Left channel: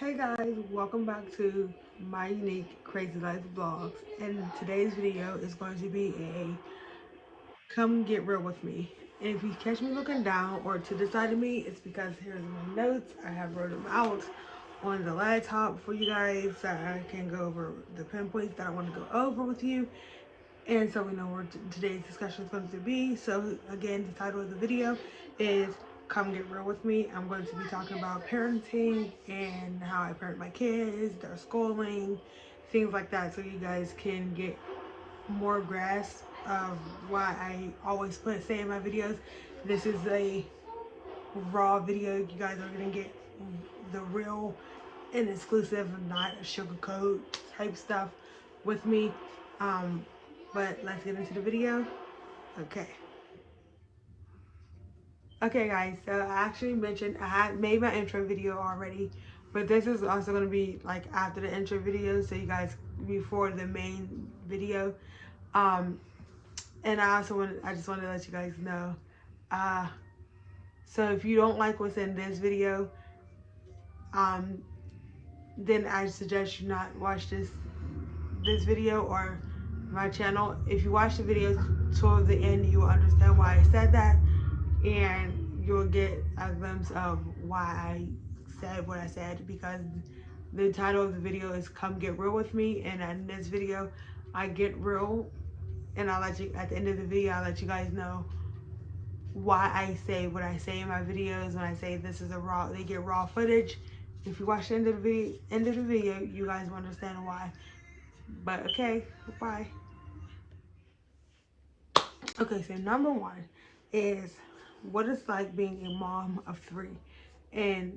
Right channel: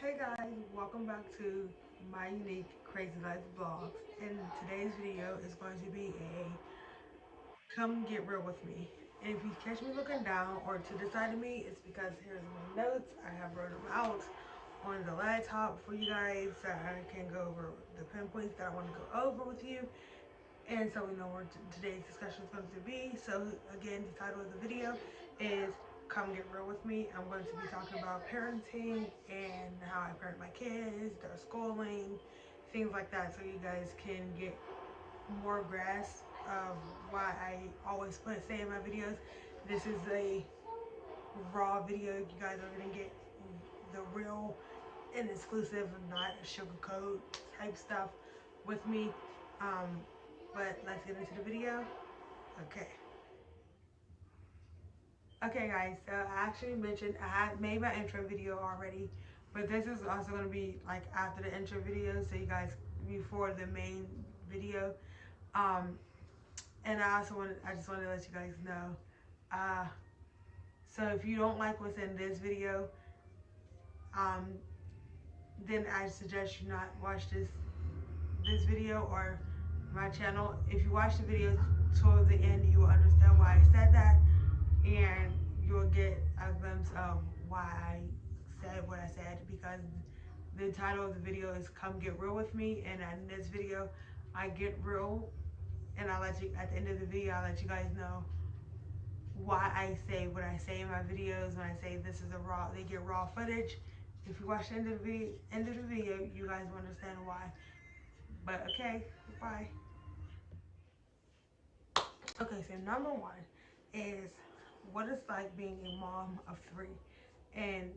Hey guys, welcome back to my unique crazy life vlogs, and today's video is going to be a come get real with me. And if you catch me looking down or to the side of me, it's because here's my notes. I have wrote them out on the laptop for you guys so I can go over the pinpoints that I want to go over with you, and so we know where today's discussion is going to be. So again, the title of the video is Come Get Real With Me. I'm going to be talking about parenting and how I parent my kids, their schooling, things like that, so you guys can get more grasp of why I always say in my videos, this is a raw video. You guys are going to get the real and exclusive, not sugarcoat type stuff with me. Um, but let's get into the video. Okay. Okay, guys, so I actually mentioned I had made my intro video already, but this is also going to be like after the intro video, so you guys before the main video. Um, and I just want to let you guys know. Uh, so if you don't like what's in this video, um, then I suggest you not watch this video or my channel. If you watch the video till the end, you will understand why I said that, and you'll get a glimpse of why I said what I said, because the title of the video is Come Get Real With Me, and in this video I get real, and I'll let you at the end of the video I'll let you guys know why I say what I say in my videos when I say this is a raw, they get raw footage. If you watch the end of the video, you guys will understand why. But okay, bye. Okay, so number one is what it's like being a mom of three. And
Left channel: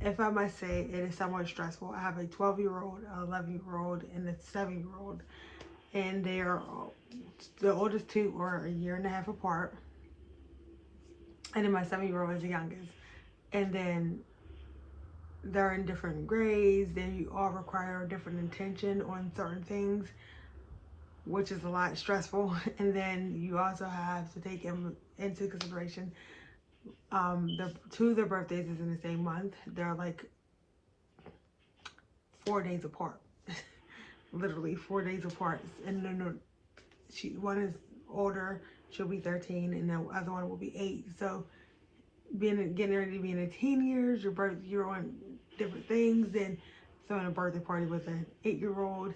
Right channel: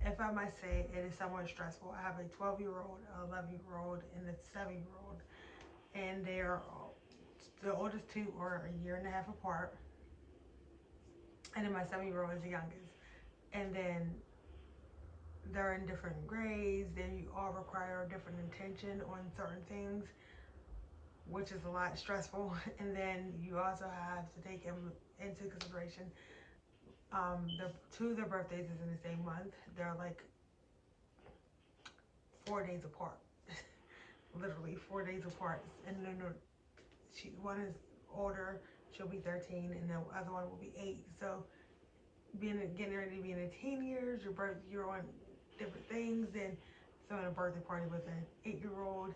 if I must say, it is somewhat stressful. I have a 12-year-old, an 11-year-old, and a 7-year-old. And they are, the oldest two are a year and a half apart. And then my 7-year-old is the youngest. And then they're in different grades. They all require different attention on certain things, which is a lot stressful. And then you also have to take into consideration the two of their birthdays is in the same month. They're like 4 days apart. Literally 4 days apart. And then one is older, she'll be 13, and the other one will be 8. So getting ready to be in the teen years, you're on different things, then throwing a birthday party with an 8-year-old,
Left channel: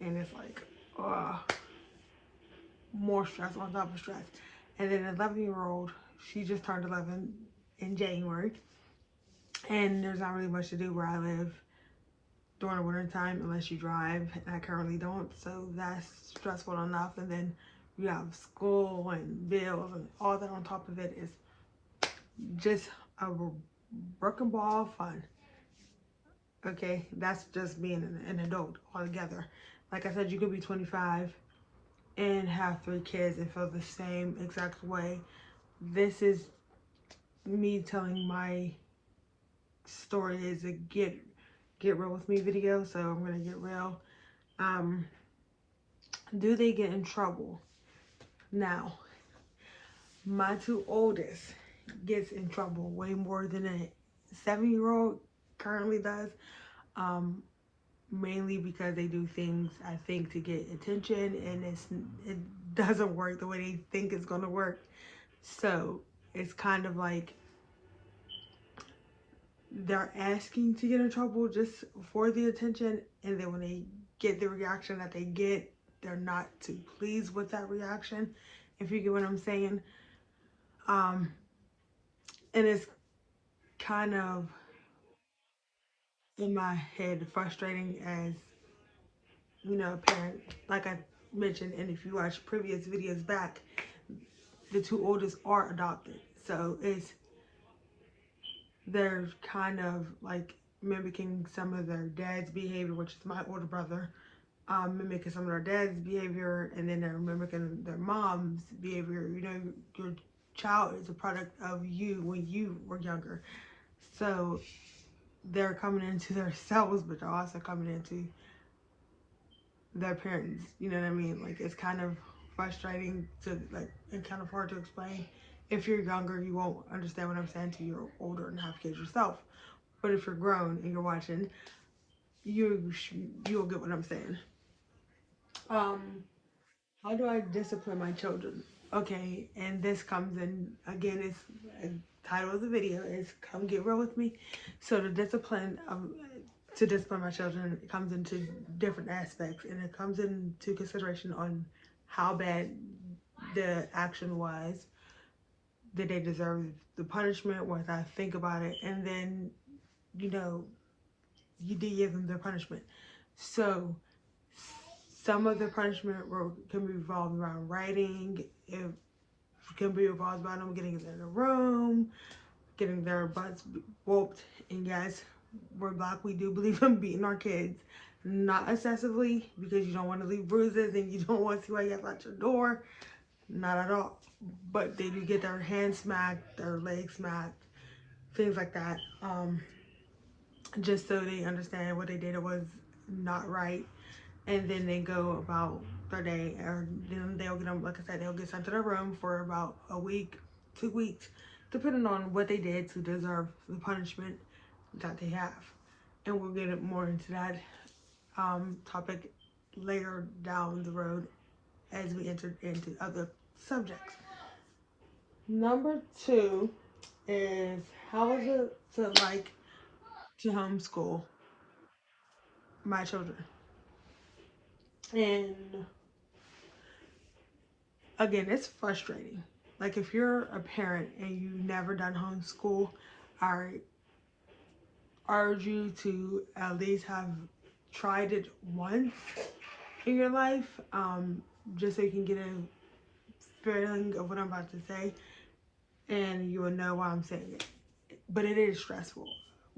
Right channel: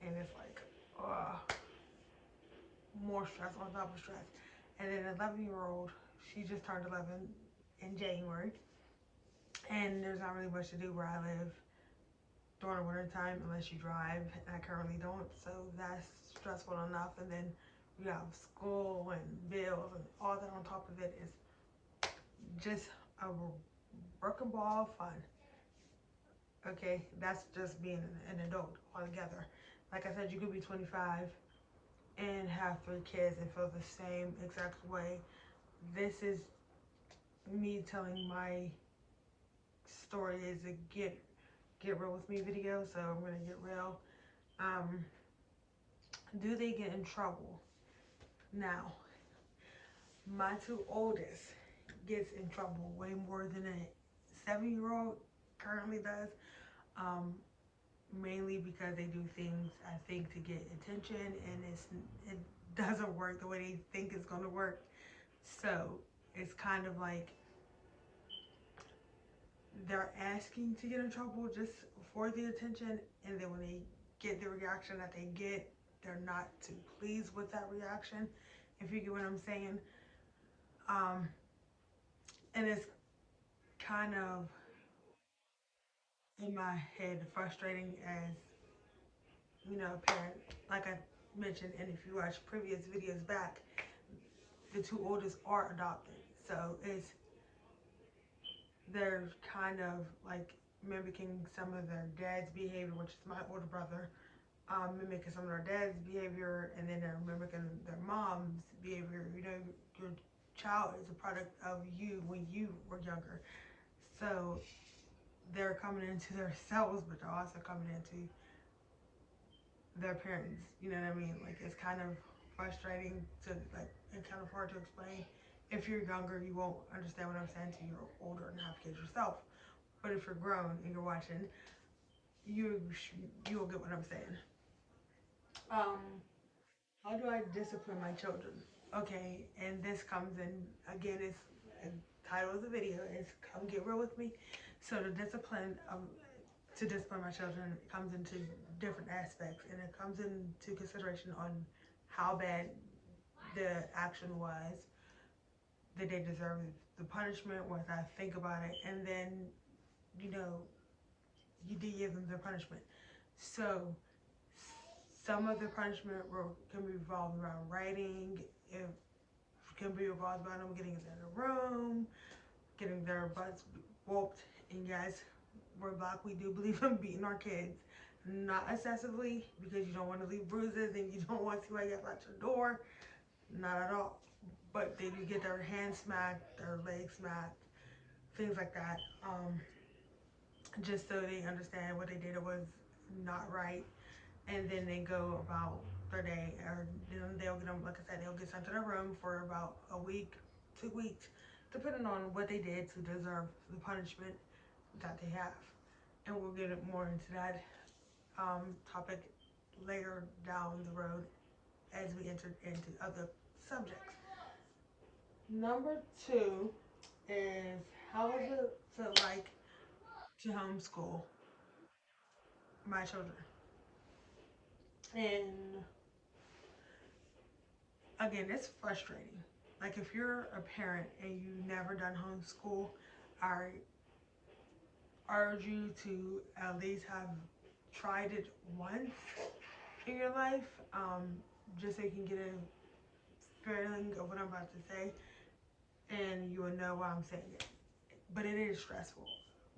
and it's like more stress on top of stress. And then an 11-year-old, she just turned 11 in January, and there's not really much to do where I live during the winter time unless you drive, and I currently don't, so that's stressful enough. And then you have school and bills and all that on top of it. Is just a broken ball of fun. Okay, that's just being an adult altogether. Like I said, you could be 25 and have 3 kids and feel the same exact way. This is me telling my story. Is a get real with me video, so I'm gonna get real. Do they get in trouble? Now, my 2 oldest gets in trouble way more than a 7-year-old currently does. Mainly because they do things, I think, to get attention, and it doesn't work the way they think it's gonna work. So it's kind of like they're asking to get in trouble just for the attention, and then when they get the reaction that they get, they're not too pleased with that reaction, if you get what I'm saying. And it's kind of, in my head, frustrating as, a parent. Like I mentioned, and if you watch previous videos back, the 2 oldest are adopted. So they're kind of like mimicking some of their dad's behavior, which is my older brother, mimicking some of their dad's behavior, and then they're mimicking their mom's behavior. Your child is a product of you when you were younger. So they're coming into themselves, but they're also coming into their parents. You know what I mean? Like, it's kind of frustrating to, like, and kind of hard to explain. If you're younger, you won't understand what I'm saying till you're older and have kids yourself. but if you're grown and you're watching, you'll get what I'm saying. Um, how do I discipline my children? Okay, and this comes in again. It's title of the video is "Come Get Real with Me." So the discipline to discipline my children comes into different aspects, and it comes into consideration on how bad the action was, did they deserve the punishment, what I think about it, and then you know you did give them their punishment. So some of the punishment can be revolved around writing. It can be revolved around them getting in the room, getting their butts whooped. And yes, we're Black. We do believe in beating our kids, not excessively because you don't want to leave bruises and you don't want to see why you have out your door. Not at all. But they do get their hands smacked, their legs smacked, things like that. Just so they understand what they did was not right, and then they go about their day, or then they'll get them, like I said, they'll get sent to their room for about a week, 2 weeks, depending on what they did to deserve the punishment that they have. And we'll get more into that topic later down the road as we enter into other subjects. Number two is, how is it to like to homeschool my children? And again, it's frustrating. Like if you're a parent and you've never done homeschool, I urge you to at least have tried it once in your life, just so you can get a feeling of what I'm about to say, and you will know why I'm saying it. But it is stressful.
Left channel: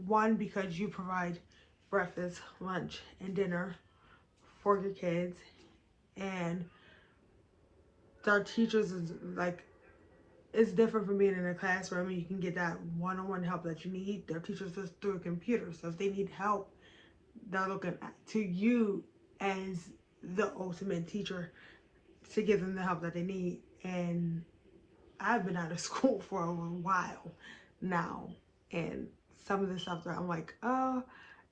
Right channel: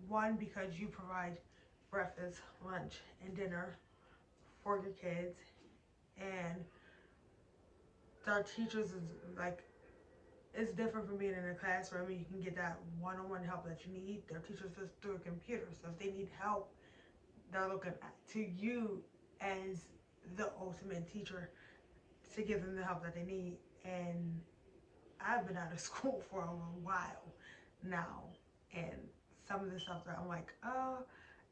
One, because you provide breakfast, lunch, and dinner for your kids, and their teachers is like, it's different from being in a classroom, and you can get that one-on-one help that you need. Their teachers just through a computer, so if they need help, they're looking to you as the ultimate teacher to give them the help that they need. And I've been out of school for a while now, and some of the stuff that I'm like,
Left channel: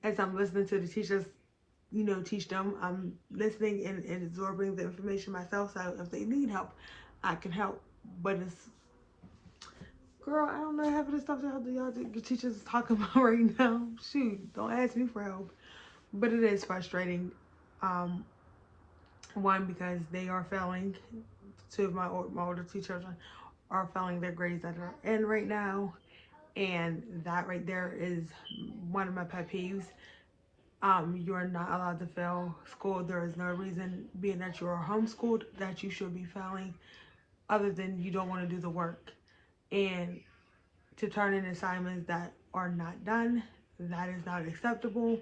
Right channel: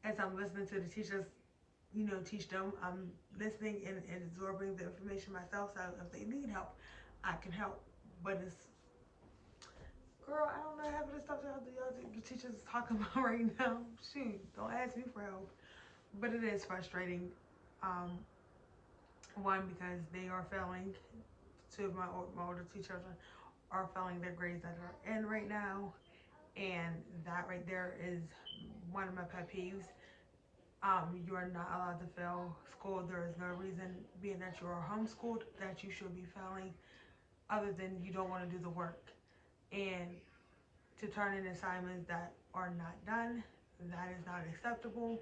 as I'm listening to the teachers, teach them, I'm listening and absorbing the information myself, so if they need help, I can help. But it's, girl, I don't know half of the stuff that y'all the teachers is talking about right now. Shoot, don't ask me for help. But it is frustrating. Um, One, because they are failing. Two of my older two children are failing their grades that are in right now, and that right there is one of my pet peeves. You are not allowed to fail school. There is no reason, being that you are homeschooled, that you should be failing, other than you don't want to do the work. And to turn in assignments that are not done, that is not acceptable.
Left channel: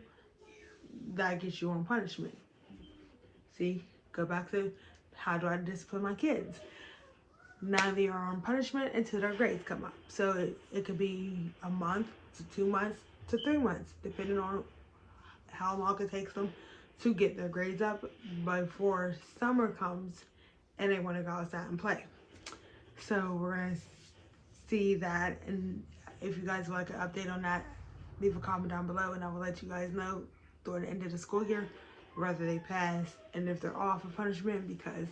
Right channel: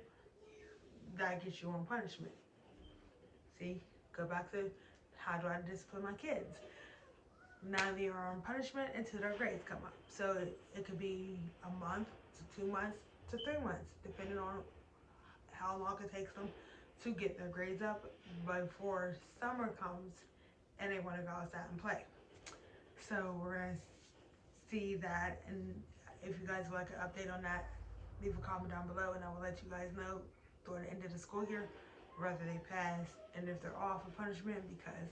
That gets you on punishment. See, go back to, how do I discipline my kids? Now they are on punishment until their grades come up. So it could be a month to 2 months to 3 months, depending on how long it takes them to get their grades up before summer comes and they want to go outside and play. So we're going to see that, and if you guys would like an update on that, leave a comment down below and I will let you guys know during the end of the school year whether they pass and if they're off of punishment. Because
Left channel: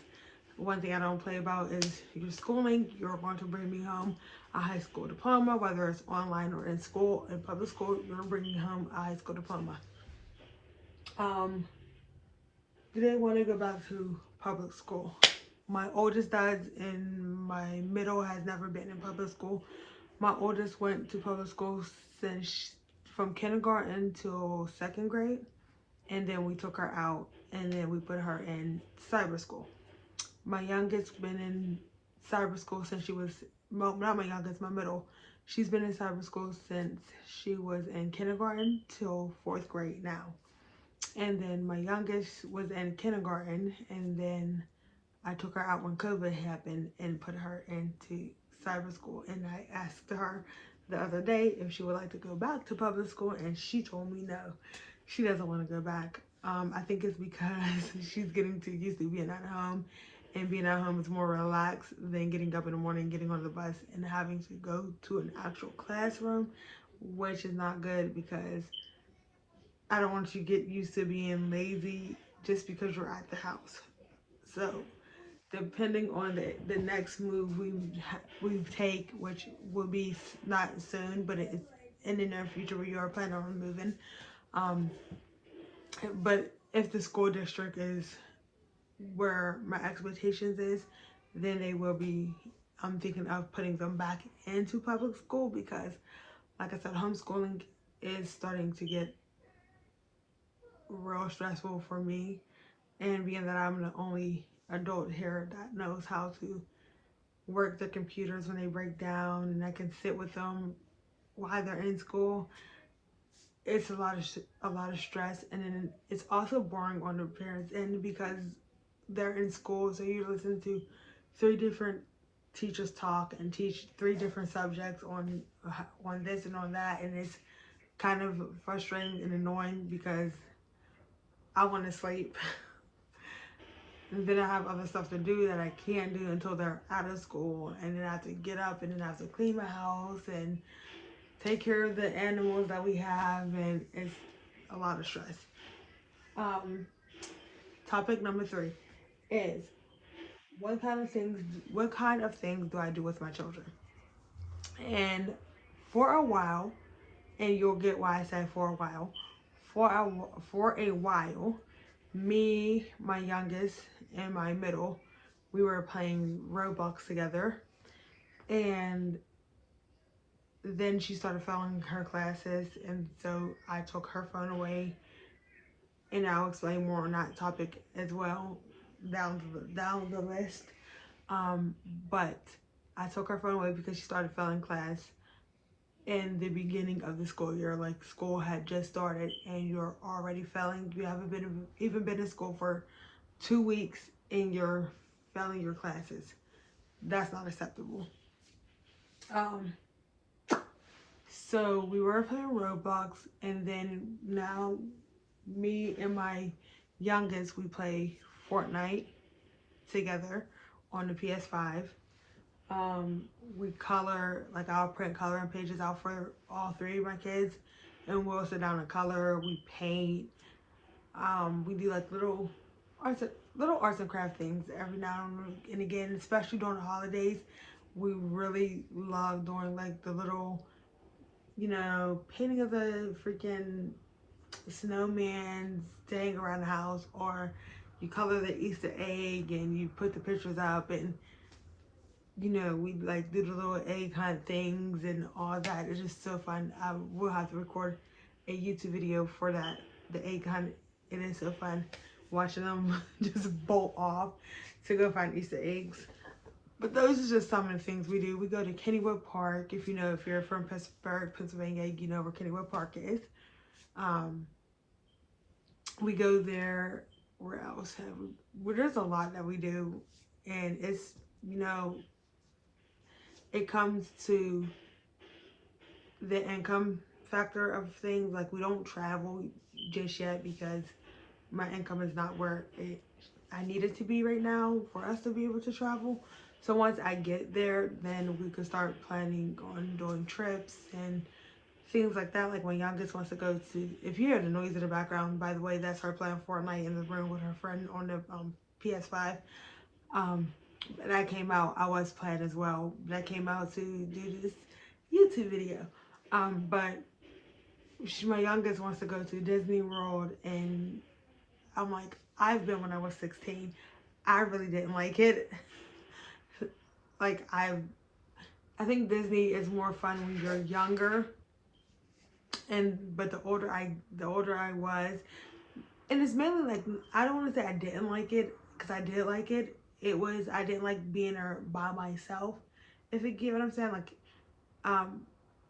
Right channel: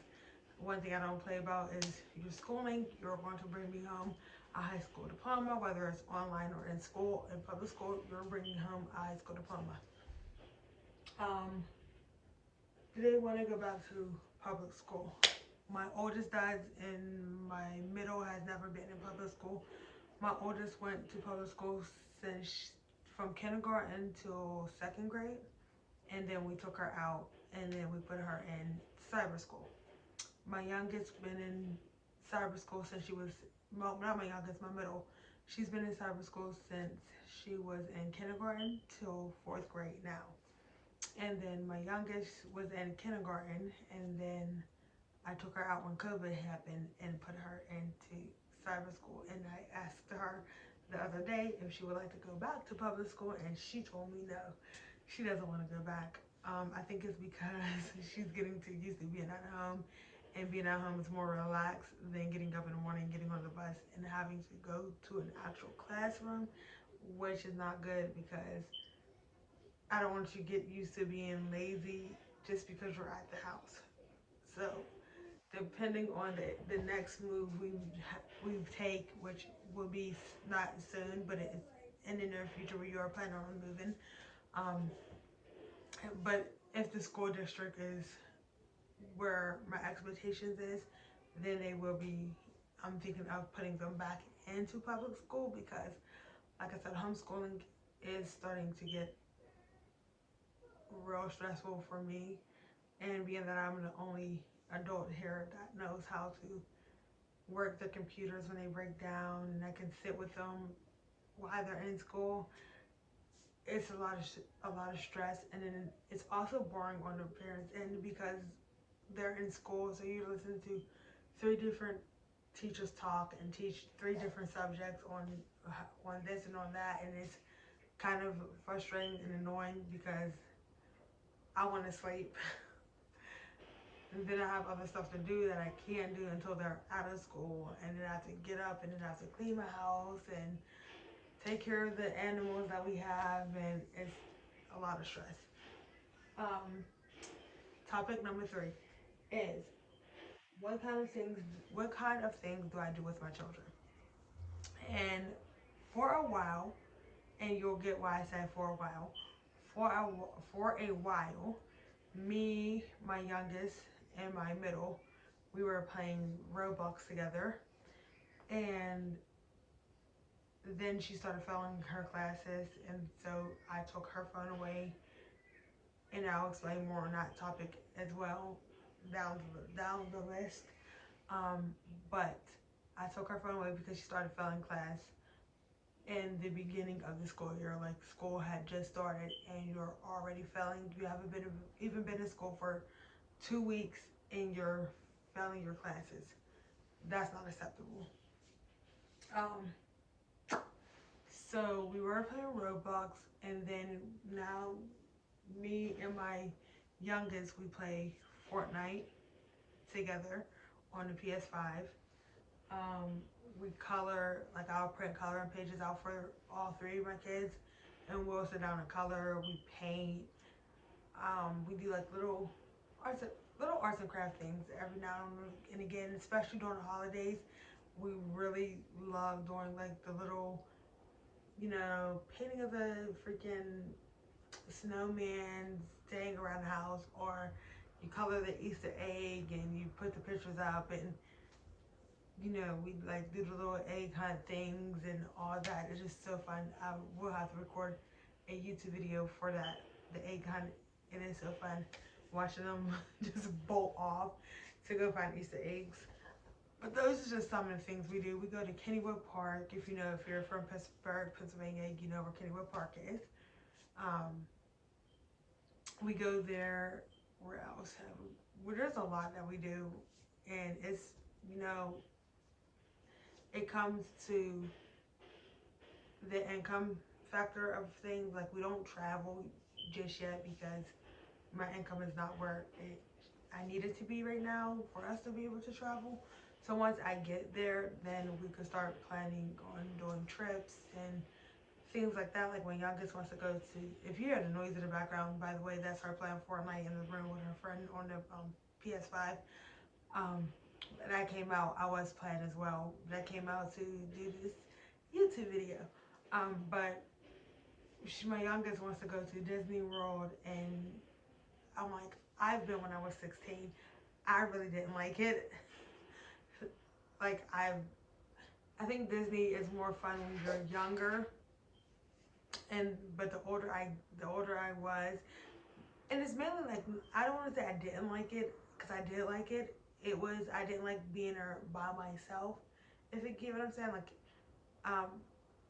one thing I don't play about is your schooling. You're going to bring me home a high school diploma, whether it's online or in school. In public school, you're bringing home a high school diploma. Do they want to go back to public school? My oldest does, and my middle has never been in public school. My oldest went to public school since from kindergarten till second grade, and then we took her out, and then we put her in cyber school. My youngest been in cyber school since she was, well, not my youngest, my middle. She's been in cyber school since she was in kindergarten till fourth grade now. And then my youngest was in kindergarten, and then I took her out when COVID happened and put her into cyber school. And I asked her the other day if she would like to go back to public school, and she told me no, she doesn't want to go back. I think it's because she's getting too used to being at home, and being at home is more relaxed than getting up in the morning, getting on the bus, and having to go to an actual classroom which is not good because I don't want you to get used to being lazy just because you're at the house. So depending on the next move we take, which will be not soon, but it's in the near future where you are planning on moving. Um, but if the school district is where my expectations is, then they will be. I'm thinking of putting them back into public school because, like I said, homeschooling is starting to get real stressful for me. And being that I'm the only adult here that knows how to work the computers when they break down, and I can sit with them while they're in school, it's a lot of stress, and then it's also boring on the parents' end because they're in school, so you listen to three different teachers talk and teach three different subjects on this and on that, and it's kind of frustrating and annoying because I want to sleep. And then I have other stuff to do that I can't do until they're out of school, and then I have to get up and then I have to clean my house and take care of the animals that we have, and it's a lot of stress. Um, Topic number 3 is what kind of things do I do with my children? And for a while, and you'll get why I say for a while, for a while, me, my youngest, and my middle, we were playing Roblox together, and then she started failing her classes, and so I took her phone away, and I'll explain more on that topic as well down the list. But I took her phone away because she started failing class in the beginning of the school year. Like, school had just started and you're already failing. You haven't even been in school for 2 weeks and you're failing your classes. That's not acceptable. Um, so we were playing Roblox, and then now me and my youngest, we play Fortnite together on the PS5. Um, we color, like I'll print coloring pages out for all three of my kids, and we'll sit down and color. We paint. We do like little arts and craft things every now and again, especially during the holidays. We really love doing like the little, painting of the freaking snowman staying around the house, or you color the Easter egg and you put the pictures up, and we like do the little egg hunt things and all that. It's just so fun. I will have to record a YouTube video for that, the egg hunt. It is so fun watching them just bolt off to go find Easter eggs. But those are just some of the things we do. We go to Kennywood Park. If you're from Pittsburgh, Pennsylvania, you know where Kennywood Park is. We go there. Where else have we? Well, there's a lot that we do, and it's it comes to the income factor of things. Like, we don't travel just yet because my income is not where I need it to be right now for us to be able to travel. So once I get there, then we could start planning on doing trips and things like that. Like, my youngest wants to go to, if you hear the noise in the background, by the way, that's her playing Fortnite in the room with her friend on the PS5. That came out, I was playing as well. That came out to do this YouTube video. But my youngest wants to go to Disney World, and I'm like, I've been when I was 16. I really didn't like it. Like, I think Disney is more fun when you're younger, but the older I was, and it's mainly like, I don't want to say I didn't like it, because I did like it. I didn't like being there by myself, if you get what I'm saying. Like,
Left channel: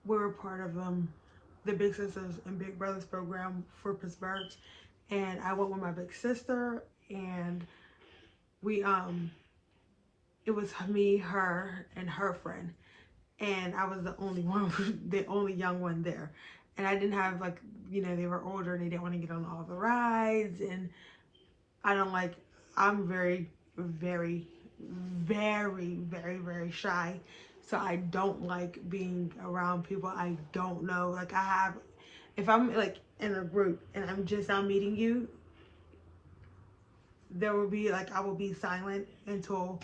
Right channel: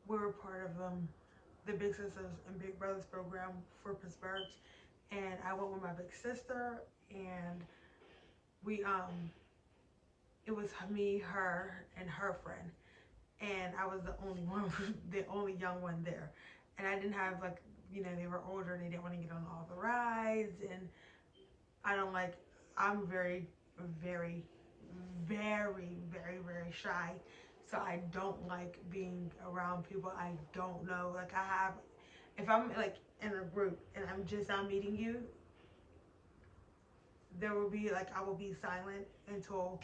we were part of the Big Sisters and Big Brothers program for Pittsburgh, and I went with my big sister, and we it was me, her, and her friend, and I was the only one, the only young one there, and I didn't have, like, they were older and they didn't want to get on all the rides, and I'm very, very, very, very, very shy. So I don't like being around people I don't know. Like I have, if I'm like in a group and I'm just now meeting you, there will be like I will be silent until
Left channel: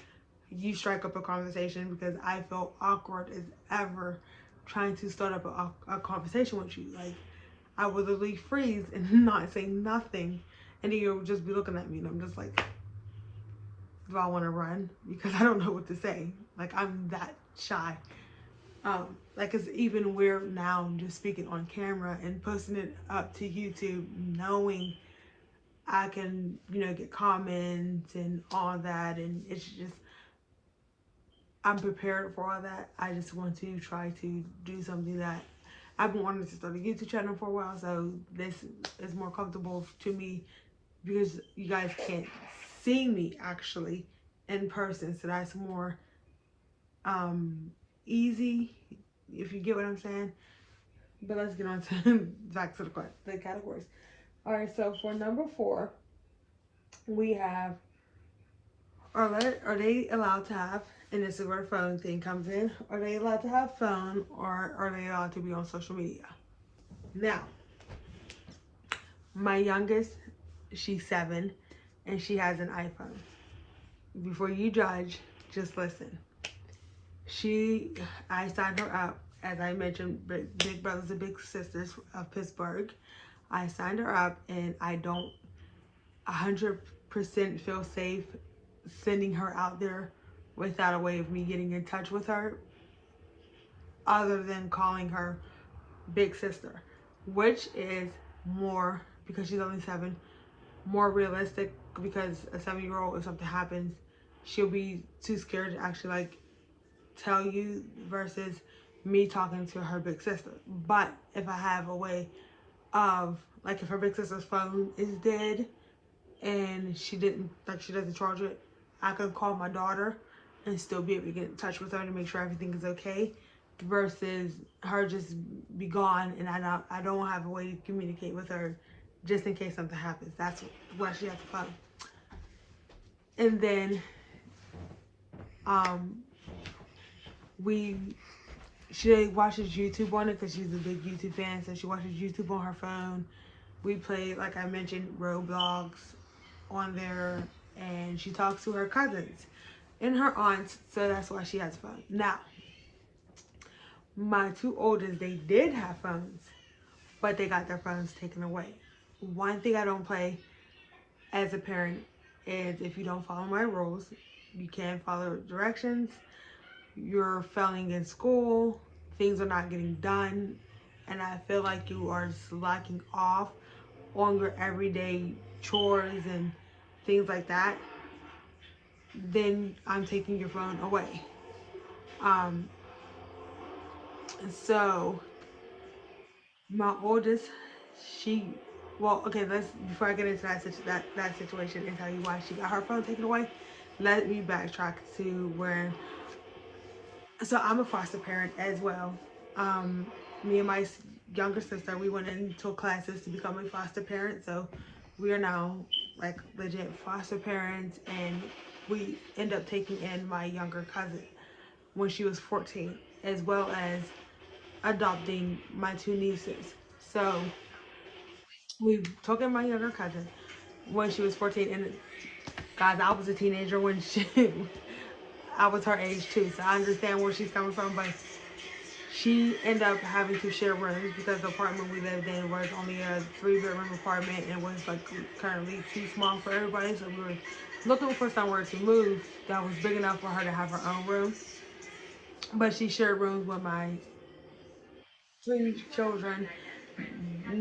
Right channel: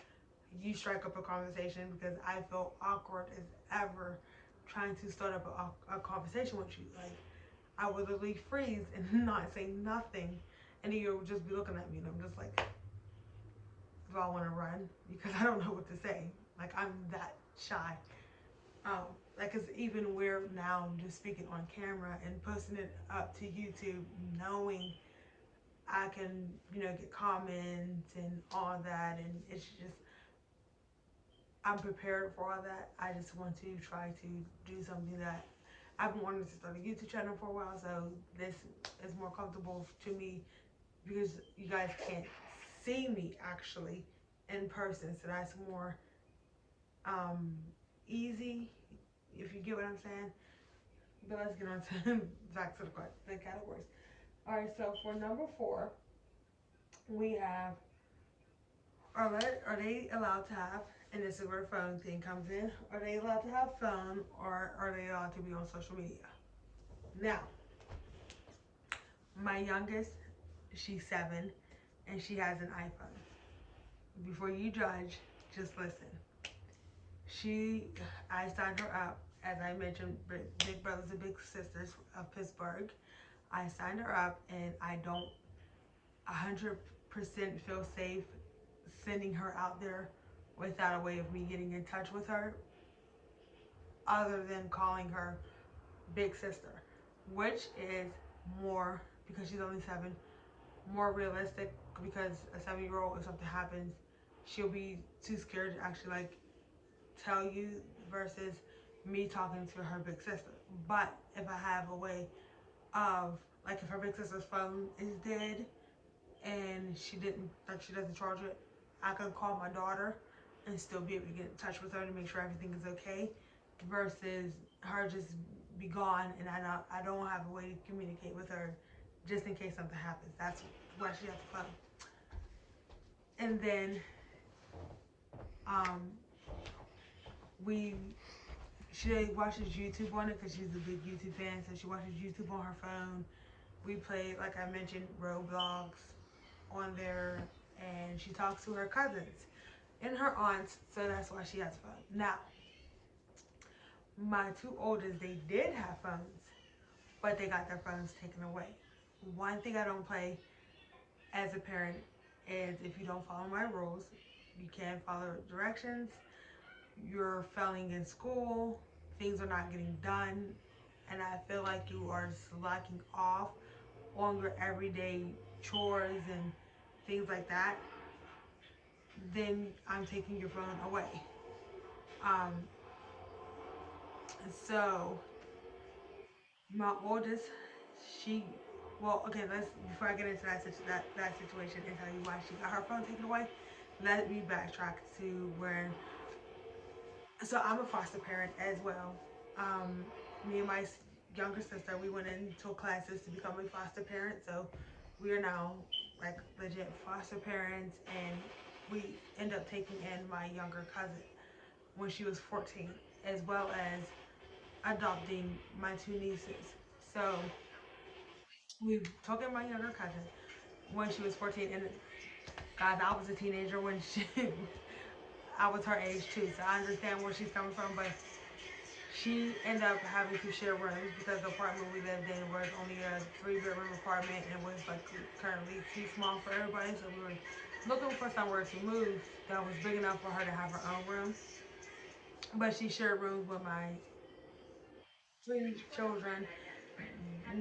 you strike up a conversation because I feel awkward as ever trying to start up a conversation with you. Like I would literally freeze and not say nothing, and then you'll just be looking at me, and I'm just like, do I want to run because I don't know what to say? Like I'm that shy. Um, like it's even weird now just speaking on camera and posting it up to YouTube, knowing I can, get comments and all that, and it's just I'm prepared for all that. I just want to try to do something that I've been wanting to start a YouTube channel for a while, so this is more comfortable to me because you guys can't see me actually in person, so that's more um easy if you get what I'm saying. But let's get on to back to the categories. All right, so for number 4, we have are they allowed to have, and this is where the phone thing comes in, are they allowed to have phone or are they allowed to be on social media? Now, my youngest, she's 7 and she has an iPhone. Before you judge, just listen. She, I signed her up, as I mentioned, Big Brothers and Big Sisters of Pittsburgh. I signed her up and I don't 100% feel safe sending her out there without a way of me getting in touch with her other than calling her big sister, which is more, because she's only 7, more realistic, because a 7-year-old, if something happens, she'll be too scared to actually like tell you versus me talking to her big sister. But if I have a way of, like, if her big sister's phone is dead and she doesn't charge it, I can call my daughter and still be able to get in touch with her to make sure everything is okay, versus her just be gone and I don't have a way to communicate with her just in case something happens. That's why she has the phone. And then um we she watches YouTube on it because she's a big YouTube fan, so she watches YouTube on her phone. We play, like I mentioned, Roblox on there, and she talks to her cousins and her aunts, so that's why she has fun. Now, my 2 oldest, they did have phones, but they got their phones taken away. One thing I don't play as a parent is if you don't follow my rules, you can't follow directions, you're failing in school, things are not getting done, and I feel like you are slacking off on your everyday chores and things like that, then I'm taking your phone away. Um, so my oldest, she, well, okay, let's, before I get into that situation and tell you why she got her phone taken away, let me backtrack to where, so I'm a foster parent as well. Um, Me and my younger sister, we went into classes to become a foster parent, so we are now like legit foster parents, and we end up taking in my younger cousin when she was 14, as well as adopting my 2 nieces. So we took in my younger cousin when she was 14, and guys, I was a teenager when she, I was her age too, so I understand where she's coming from, but she ended up having to share rooms because the apartment we lived in was only a 3-bedroom apartment and was like currently too small for everybody. So we were looking for somewhere to move that was big enough for her to have her own room. But she shared rooms with my 3 children.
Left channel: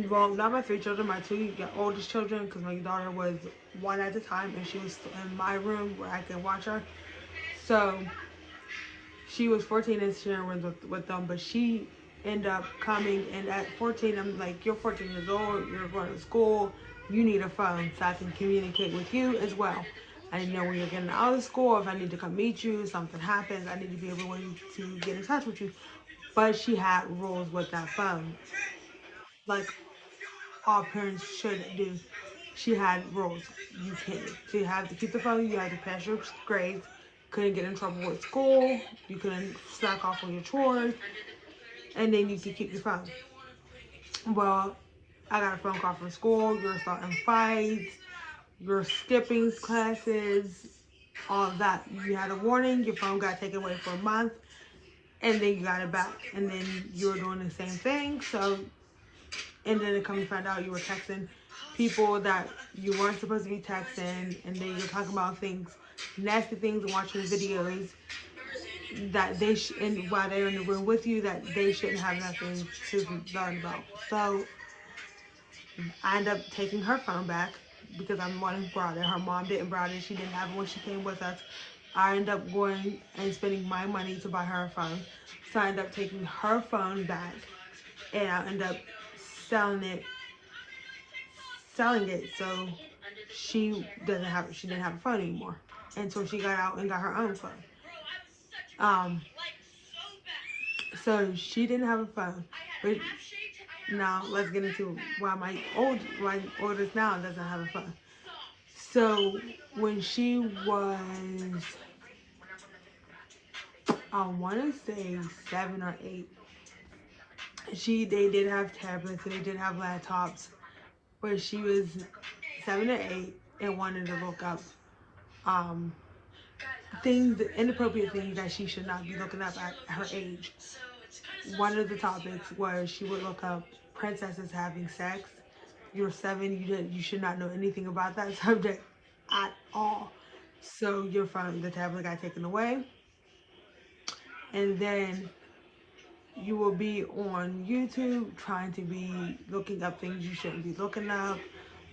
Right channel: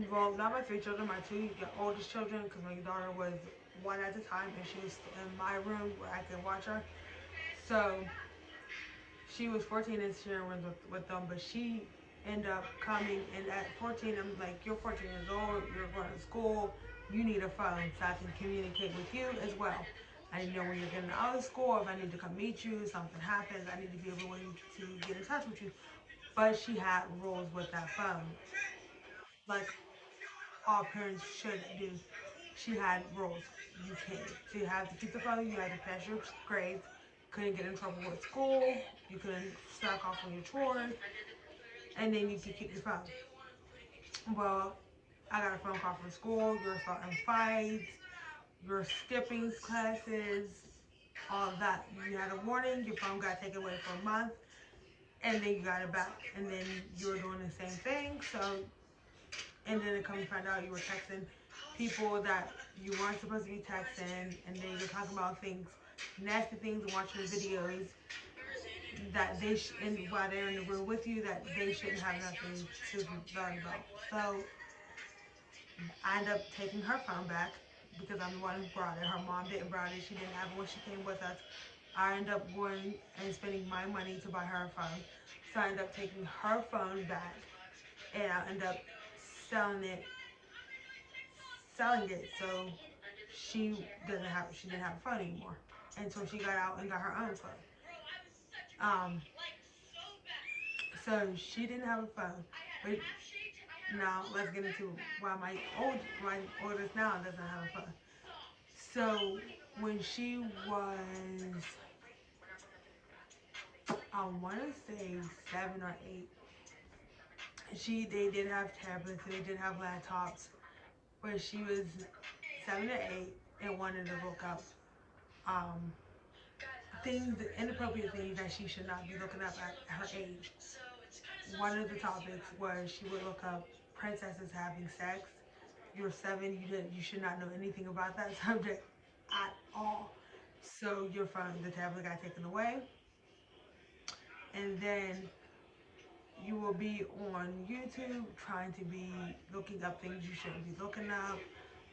Well, not my 3 children, my 2 oldest children, because my daughter was 1 at the time and she was in my room where I could watch her. So she was 14 and sharing rooms with them, but she ended up coming, and at 14, I'm like, you're 14 years old, you're going to school, you need a phone so I can communicate with you as well. I need to know when you're getting out of school, if I need to come meet you, if something happens, I need to be able to get in touch with you. But she had rules with that phone, like all parents should do. She had rules. You can't, you have to keep the phone, you have to pass your grades, couldn't get in trouble with school, you couldn't slack off on your chores, and then you could keep your phone. Well, I got a phone call from school, you're starting fights, you're skipping classes, all of that. You had a warning, your phone got taken away for a month, and then you got it back. And then you were doing the same thing, so, and then it come to find out you were texting people that you weren't supposed to be texting, and then you're talking about things, nasty things, and watching videos that and while they're in the room with you, that they shouldn't have nothing to learn about. So I ended up taking her phone back because I'm the one who brought it. Her mom didn't brought it. She didn't have it when she came with us. I ended up going and spending my money to buy her a phone. So I ended up taking her phone back, and I ended up selling it so she didn't have a phone anymore until she got out and got her own phone. Um so she didn't have a phone. But now let's get into why my oldest now doesn't have a phone. So when she was, I want to say 7 or 8, they did have tablets, they did have laptops, but she was 7 or 8 and wanted to look up um, things, inappropriate things that she should not be looking up at her age. One of the topics was she would look up princesses having sex. You're 7, you should not know anything about that subject at all. So your phone, the tablet got taken away, and then you will be on YouTube trying to be looking up things you shouldn't be looking up,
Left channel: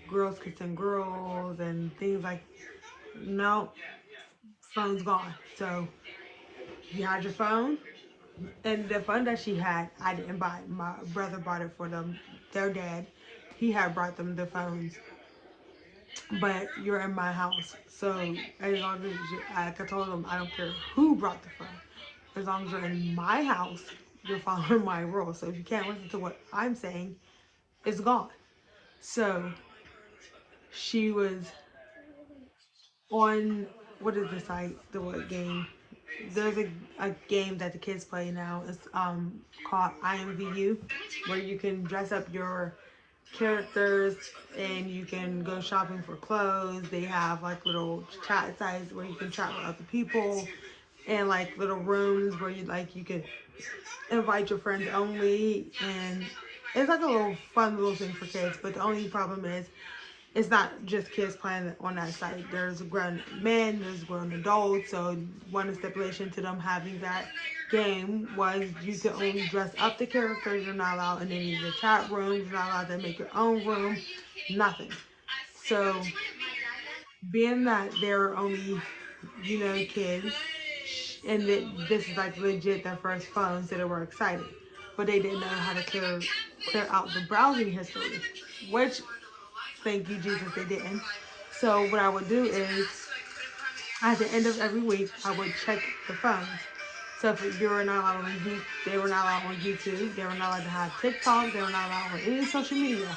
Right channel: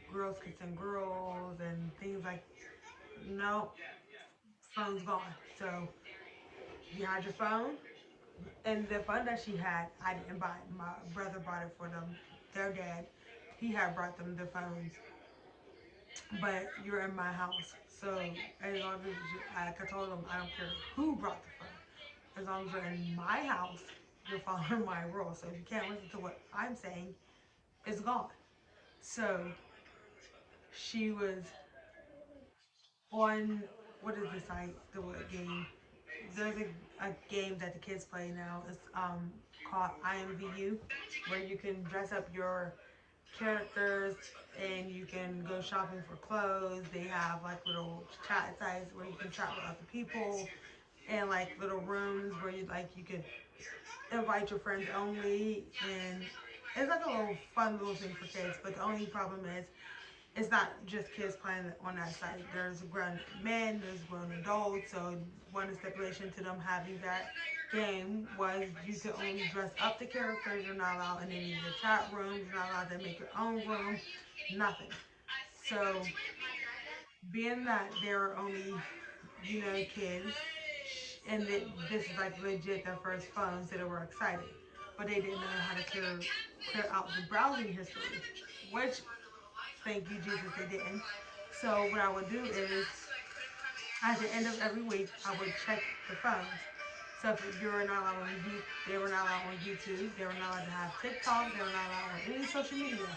girls kissing girls and things like, no, phone's gone. So you had your phone, and the phone that she had, I didn't buy. My brother bought it for them. Their dad, he had brought them the phones, but you're in my house, so as long as I told them I don't care who brought the phone, as long as you're in my house, you're following my rules. So if you can't listen to what I'm saying, it's gone. So she was on, what is the site, the what game? There's a game that the kids play now. It's called IMVU, where you can dress up your characters and you can go shopping for clothes. They have like little chat sites where you can chat with other people, and like little rooms where you could invite your friends only, and it's like a little fun little thing for kids. But the only problem is it's not just kids playing on that site. There's grown men, there's grown adults. So one stipulation to them having that game was you could only dress up the characters. You're not allowed in any of the chat rooms. You're not allowed to make your own room. Nothing. So being that they're only, kids, and that this is like legit their first phone, so they were excited. But they didn't know how to clear out the browsing history, which, thank you Jesus, they didn't. So what I would do is at the end of every week I would check the phones. So if you were not allowed on YouTube, they were not allowed on YouTube, they were not allowed to have TikTok, they were not allowed on any social media.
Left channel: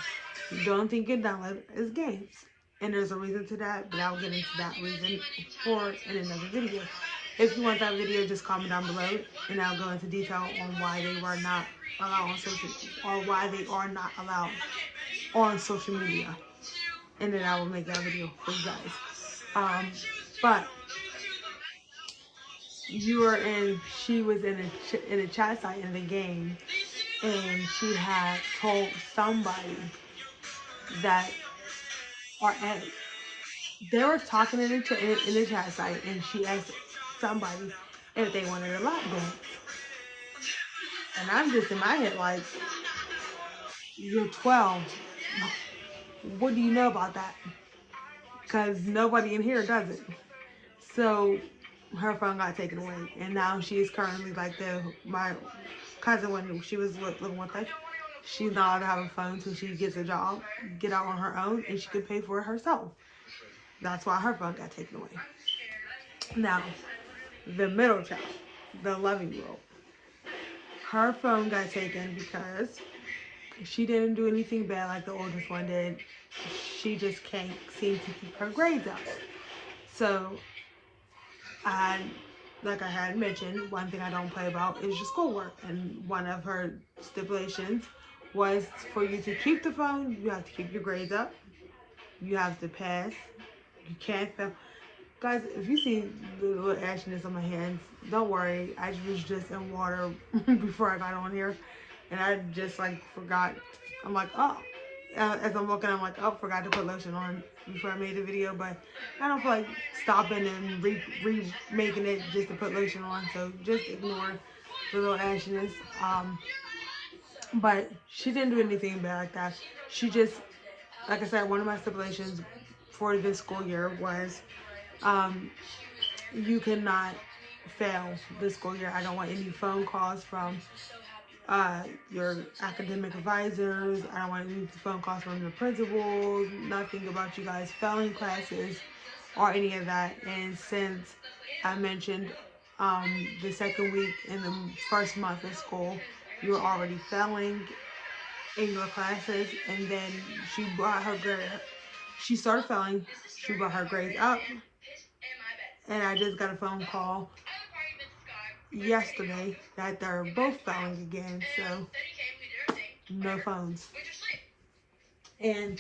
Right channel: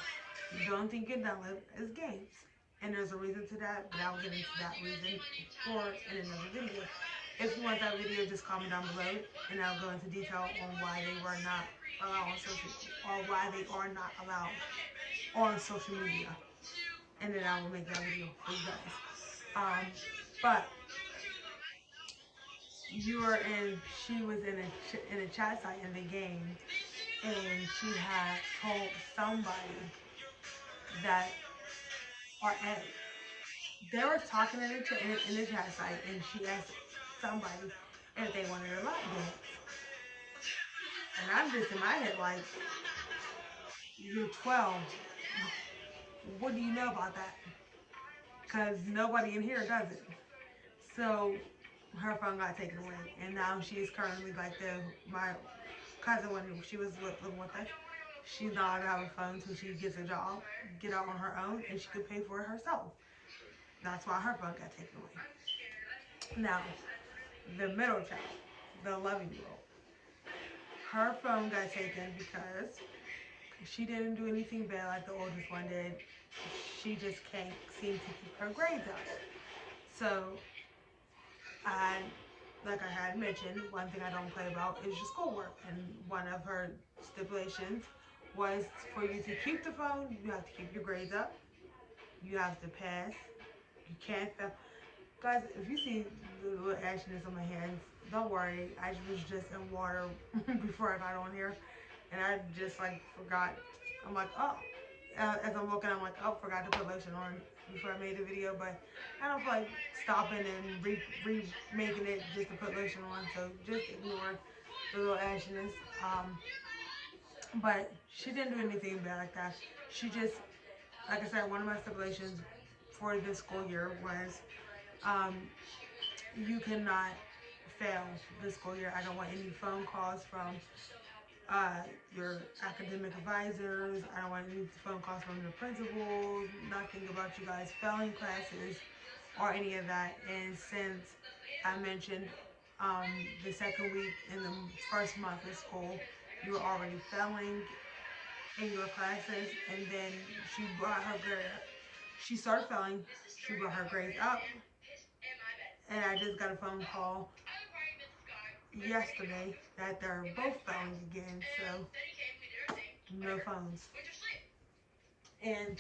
The only thing you can download is games. And there's a reason to that, but I'll get into that reason in another video. If you want that video, just comment down below, and I'll go into detail on why they were not allowed on social, or why they are not allowed on social media. And then I will make that video for you guys. But she was in a chat site in the game, and she had told somebody that, or they were talking in the chat site, and she asked somebody if they wanted a lap dance. And I'm just in my head like, you're 12. What do you know about that? Because nobody in here does it. So her phone got taken away, and now she's currently like my cousin, when she was living with us, she's not allowed to have a phone until she gets a job, get out on her own, and she could pay for it herself. That's why her phone got taken away. Now, the middle child, the 11-year-old, her phone got taken because she didn't do anything bad like the oldest one did. She just can't seem to keep her grades up. So I had, like I had mentioned, one thing I don't play about is your schoolwork. And one of her stipulations was for you to keep the phone, you have to keep your grades up, you have to pass, you can't fail. Guys, if you see the little ashiness on my hands, don't worry. I was just in water before I got on here. And I just like forgot. I'm like, oh. As I'm looking, I'm like, oh, forgot to put lotion on before I made the video. But I don't feel like stopping and remaking it just to put lotion on. So just ignore the little ashiness. But she didn't do anything bad like that. She just, like I said, one of my stipulations for this school year was um, you cannot fail this school year. I don't want any phone calls from your academic advisors. I don't want any phone calls from the principals. Nothing about you guys failing classes or any of that. And since I mentioned the second week in the first month of school, you were already failing in your classes, and then she brought her grade. She started failing. She brought her grades up, and I just got a phone call yesterday that they're both failing again. So no phones. And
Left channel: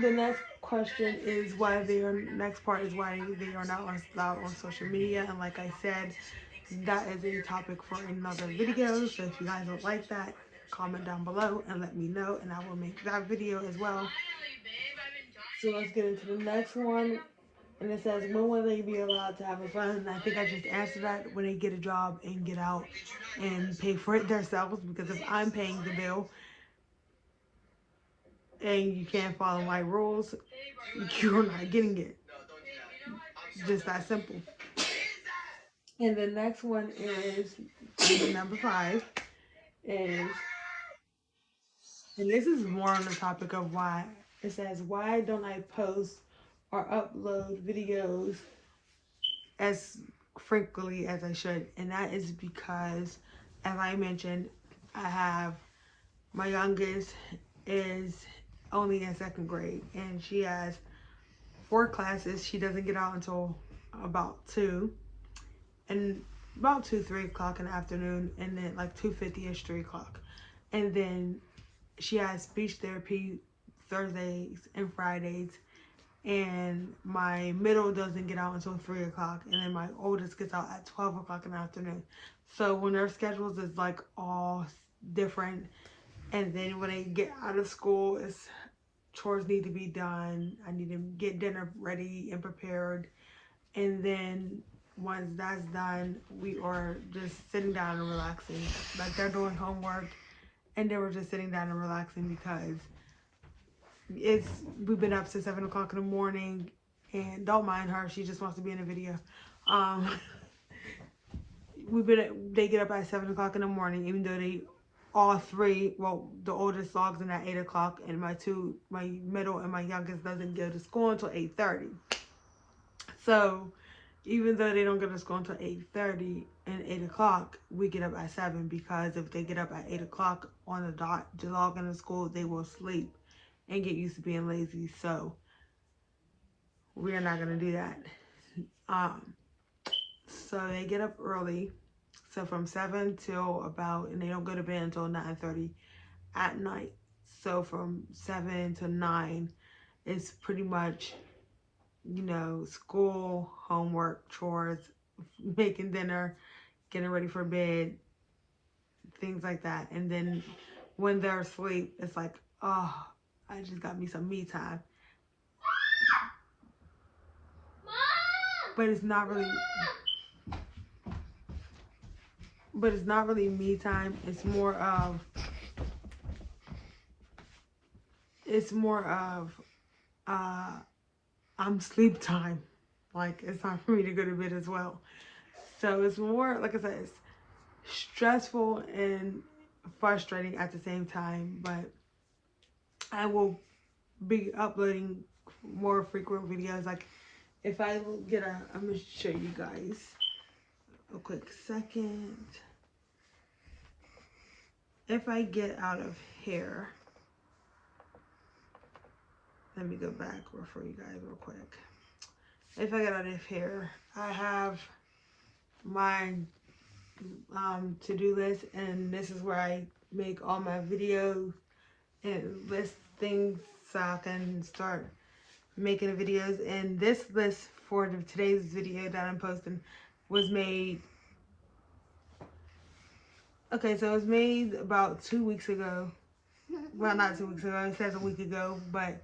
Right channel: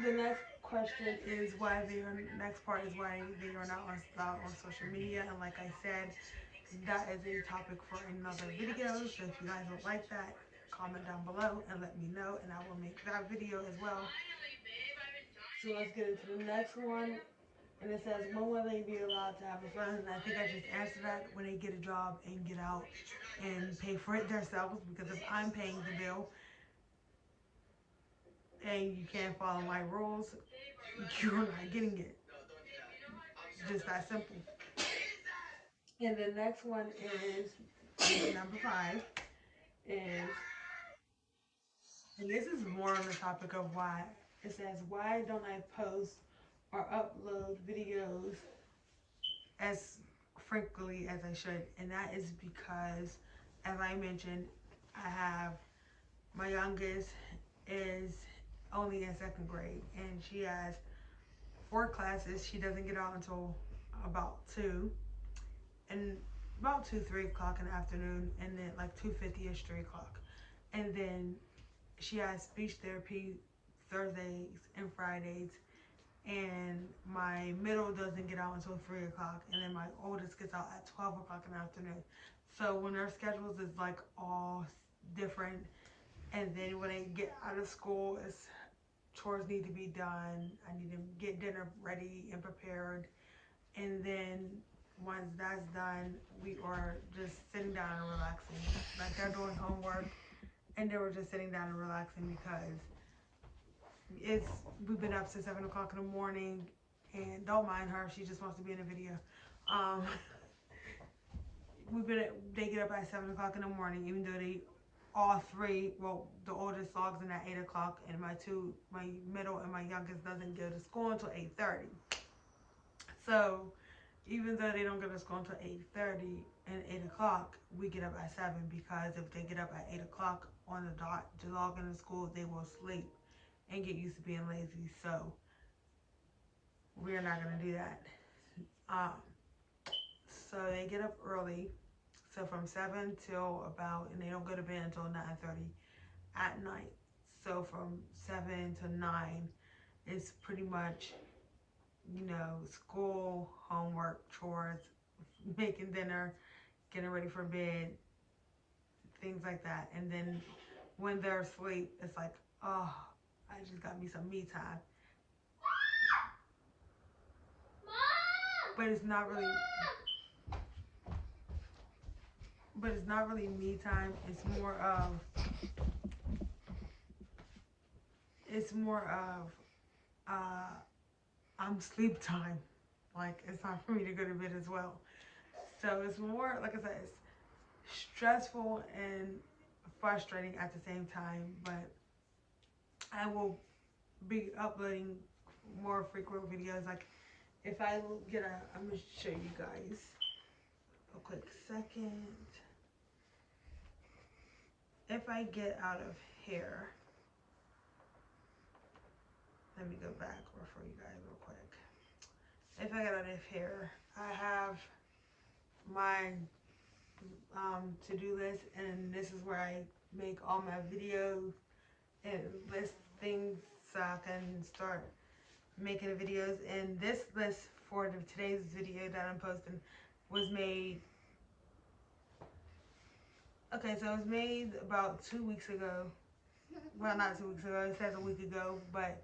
the next question is why they are. Next part is why they are not allowed on social media. And like I said, that is a topic for another video. So if you guys don't like that, comment down below and let me know, and I will make that video as well. So let's get into the next one. And it says, when will they be allowed to have a phone? And I think I just answered that, when they get a job and get out and pay for it themselves. Because if I'm paying the bill and you can't follow my rules, you're not getting it. Just that simple. And the next one is number 5 is, and this is more on the topic of why. It says, why don't I post or upload videos as frequently as I should? And that is because, as I mentioned, I have my youngest is only in second grade, and she has 4 classes. She doesn't get out until about 2, and about 3 o'clock in the afternoon, and then like 2:50ish, 3 o'clock. And then she has speech therapy Thursdays and Fridays, and my middle doesn't get out until 3 o'clock, and then my oldest gets out at 12 o'clock in the afternoon. So when their schedules is like all different, and then when they get out of school, it's chores need to be done. I need to get dinner ready and prepared, and then once that's done, we are just sitting down and relaxing. Like they're doing homework, and they were just sitting down and relaxing because it's we've been up since 7 o'clock in the morning, and don't mind her, she just wants to be in a video. um they get up at 7 o'clock in the morning, even though they all 3, well, the oldest logs in at 8 o'clock, and my middle and my youngest doesn't go to school until 8:30. So even though they don't go to school until 8:30 and 8 o'clock, we get up at 7, because if they get up at 8 o'clock on the dot to log into school, they will sleep and get used to being lazy. So we are not going to do that. Um, so they get up early. So from 7 till about, and they don't go to bed until 9:30 at night. So from 7 to 9, it's pretty much, school, homework, chores, making dinner, getting ready for bed, things like that. And then when they're asleep, it's like, oh, I just got me some me time. But it's not really me time. It's more of I'm sleep time. Like, it's time for me to go to bed as well. So it's more, like I said, it's stressful and frustrating at the same time. But I will be uploading more frequent videos. Like, if I I'm gonna show you guys a quick second. If I get out of here, let me go back for you guys real quick. if I get out of here, I have my to-do list, and this is where I make all my videos and list things so I can start making the videos. And this list for today's video that I'm posting was made, okay, so it was made about 2 weeks ago. Well, not 2 weeks ago, it says a week ago, but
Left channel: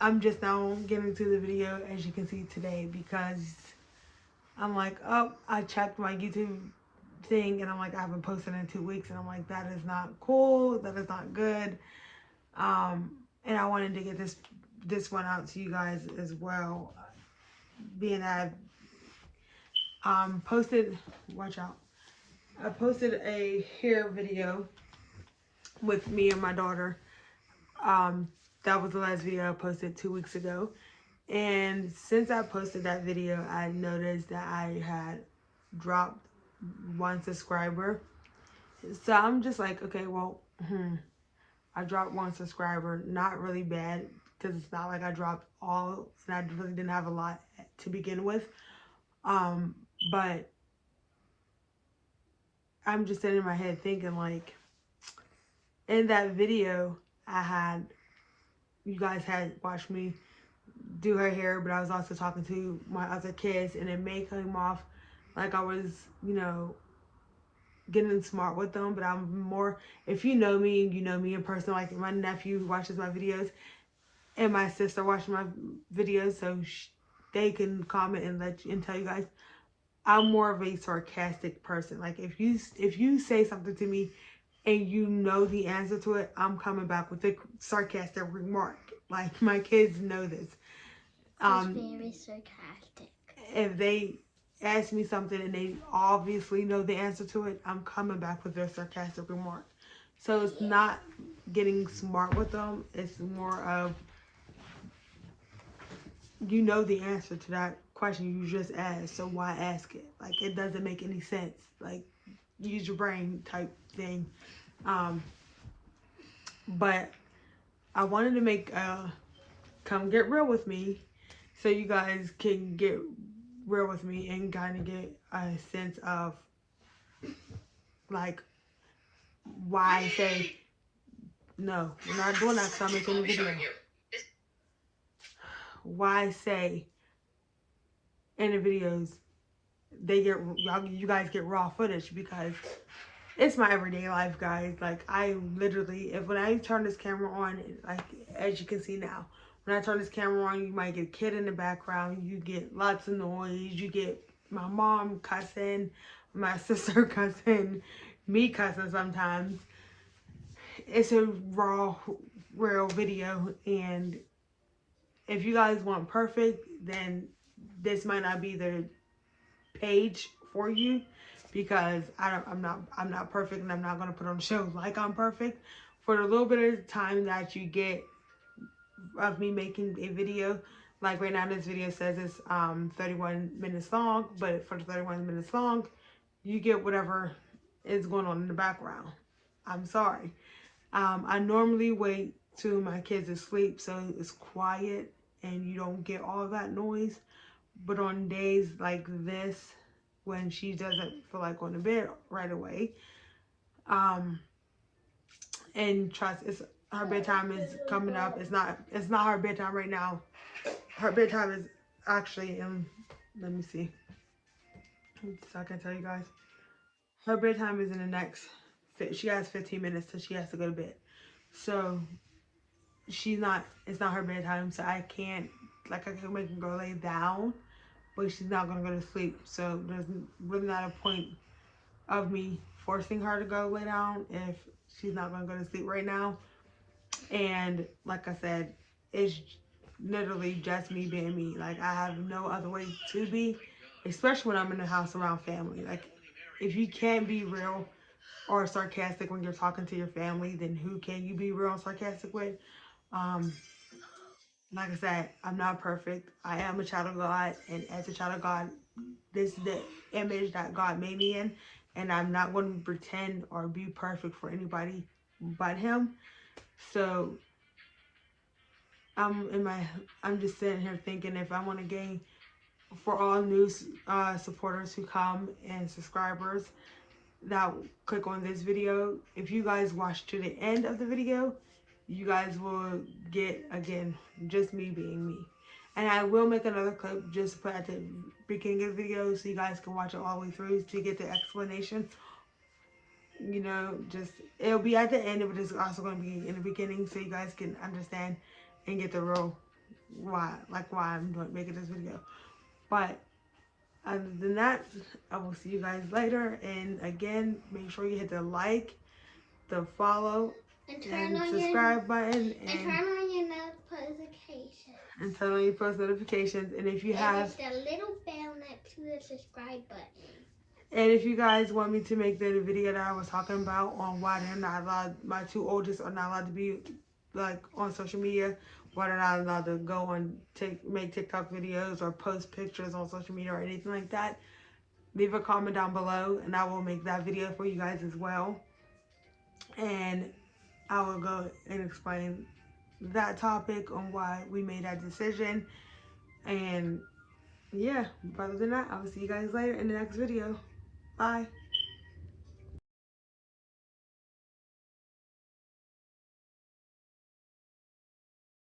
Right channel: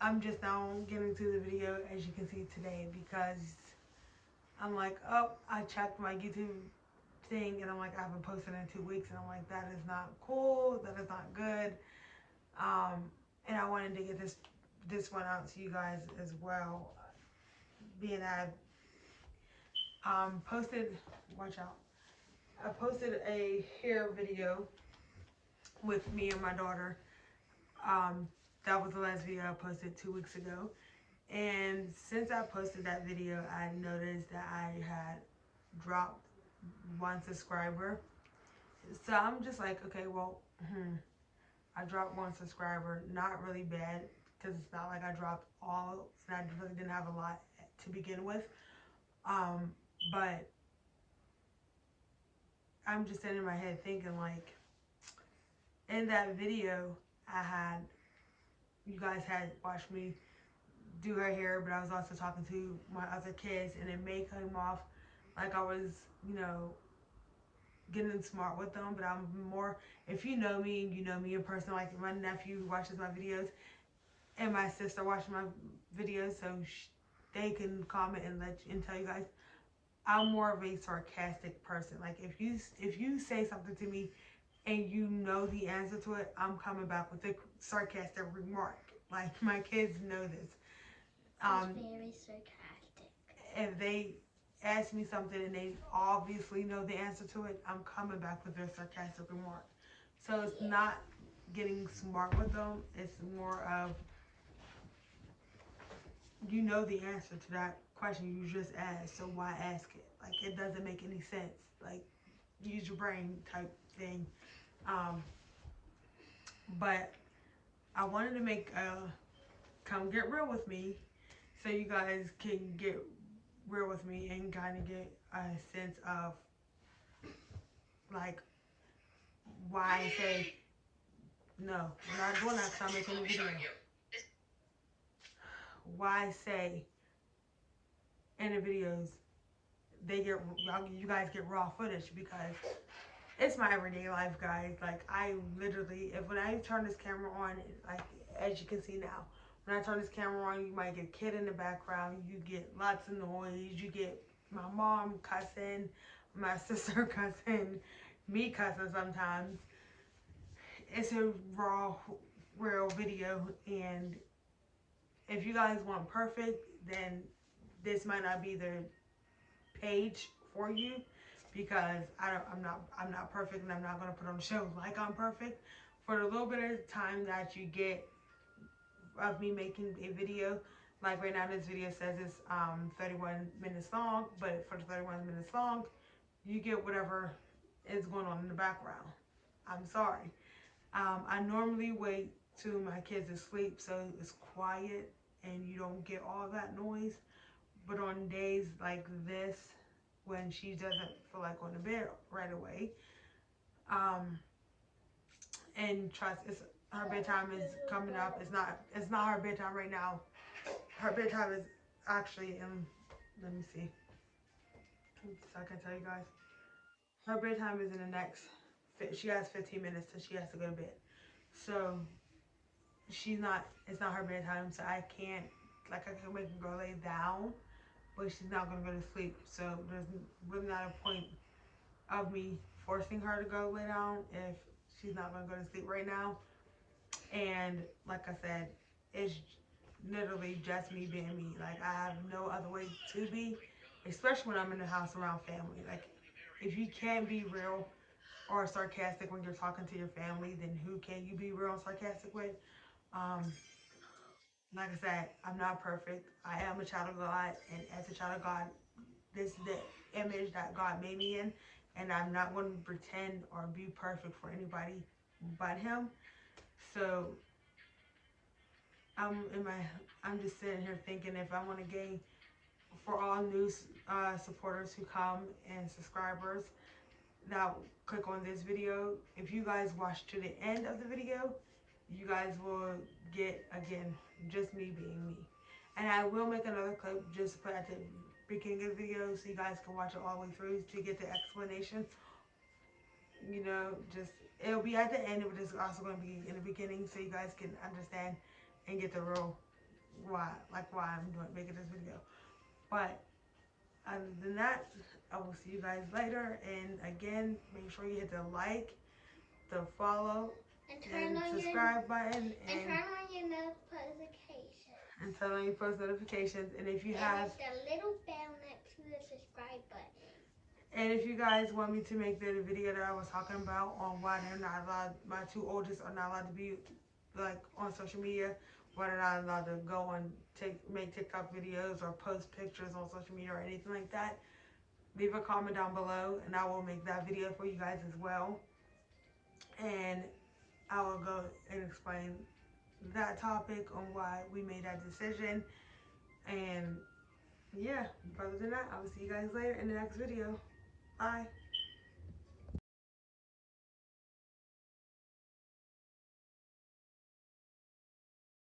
I'm just now getting to the video, as you can see today, because I'm like, oh, I checked my YouTube thing and I'm like, I haven't posted in 2 weeks, and I'm like, that is not cool, that is not good. And I wanted to get this one out to you guys as well, being that I posted, watch out, I posted a hair video with me and my daughter. That was the last video I posted 2 weeks ago. And since I posted that video, I noticed that I had dropped 1 subscriber. So I'm just like, okay, well, I dropped 1 subscriber. Not really bad, because it's not like I dropped all, and I really didn't have a lot to begin with. But I'm just sitting in my head thinking, like, in that video, you guys had watched me do her hair, but I was also talking to my other kids, and it may come off like I was, getting smart with them, but I'm more, if you know me and you know me in person, like my nephew watches my videos and my sister watches my videos, so they can comment and tell you guys, I'm more of a sarcastic person. Like if you say something to me and you know the answer to it, I'm coming back with a sarcastic remark. Like my kids know this. Very sarcastic. If they ask me something and they obviously know the answer to it, I'm coming back with their sarcastic remark. So it's not getting smart with them. It's more of, you know the answer to that question you just asked, so why ask it? Like, it doesn't make any sense. Like, use your brain type thing. But I wanted to make come get real with me, so you guys can get real with me and kind of get a sense of, like, why I say, no, we're not doing that because I'm making a video. Why I say in the videos, you guys get raw footage, because it's my everyday life, guys. Like, I literally, when I turn this camera on, like, as you can see now, when I turn this camera on, you might get a kid in the background, you get lots of noise, you get my mom cussing, my sister cussing, me cussing sometimes. It's a raw, real video, and if you guys want perfect, then this might not be the page for you, because I'm not perfect, and I'm not gonna put on a show like I'm perfect. For the little bit of time that you get of me making a video, like right now this video says it's 31 minutes long, but for the 31 minutes long, you get whatever is going on in the background. I'm sorry. I normally wait till my kids are asleep, so it's quiet and you don't get all that noise. But on days like this, when she doesn't feel like going to bed right away, and trust, it's her bedtime is coming up. It's not her bedtime right now. Her bedtime is actually in, let me see, so I can tell you guys. Her bedtime is in the next, she has 15 minutes till she has to go to bed. So it's not her bedtime, so I can't, like, I can make her go lay down, but she's not gonna go to sleep. So there's really not a point of me forcing her to go lay down if she's not gonna go to sleep right now. And like I said, it's literally just me being me. Like, I have no other way to be, especially when I'm in the house around family. Like, if you can't be real or sarcastic when you're talking to your family, then who can you be real and sarcastic with? Like I said, I'm not perfect. I am a child of God, and as a child of God, this is the image that God made me in, and I'm not going to pretend or be perfect for anybody but Him. So I'm in my I'm just sitting here thinking if I want to gain for all new supporters who come and subscribers that click on this video. If you guys watch to the end of the video, you guys will get again just me being me. And I will make another clip just to put at the beginning of the video so you guys can watch it all the way through to get the explanation. You know, just it'll be at the end, but it's also going to be in the beginning so you guys can understand and get the real why I'm doing making this video. But other than that, I will see you guys later. And again, make sure you hit the like, the follow, and subscribe button, and turn on your notifications. And turn on your post notifications. And if you have the little bell next to the subscribe button. And if you guys want me to make the video that I was talking about on why they're not allowed, my two oldest are not allowed to be like on social media, why they're not allowed to go on make TikTok videos or post pictures on social media or anything like that, leave a comment down below and I will make that video for you guys as well. And I will go and explain that topic on why we made that decision. And yeah, other than that, I will see you guys later in the next video. Bye.